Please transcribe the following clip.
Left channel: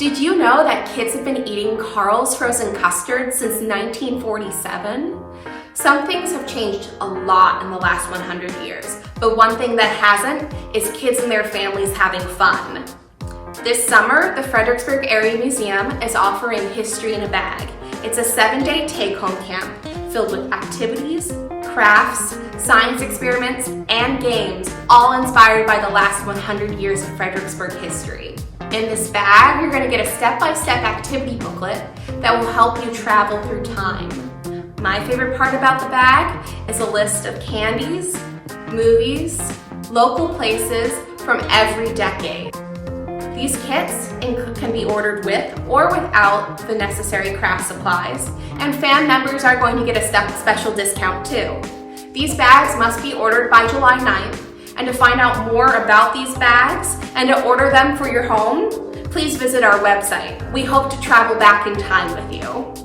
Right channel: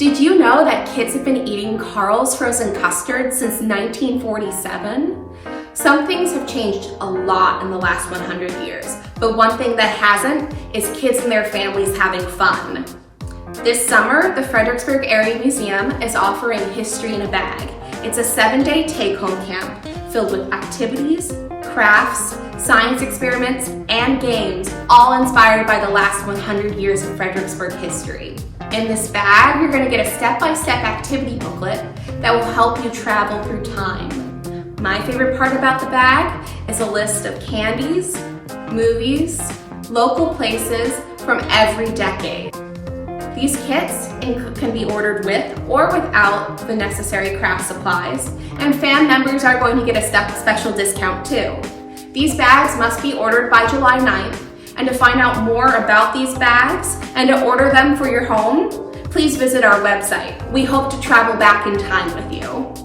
Did you know that kids have been eating Carl's frozen custard since 1947? Some things have changed a lot in the last 100 years, but one thing that hasn't is kids and their families having fun. This summer, the Fredericksburg Area Museum is offering History in a Bag. It's a 7-day take-home camp filled with activities, crafts, science experiments, and games, all inspired by the last 100 years of Fredericksburg history. In this bag, you're going to get a step-by-step activity booklet that will help you travel through time. My favorite part about the bag is a list of candies, movies, local places from every decade. These kits can be ordered with or without the necessary craft supplies, and fan members are going to get a special discount too. These bags must be ordered by July 9th, and to find out more about these bags and to order them for your home, please visit our website. We hope to travel back in time with you.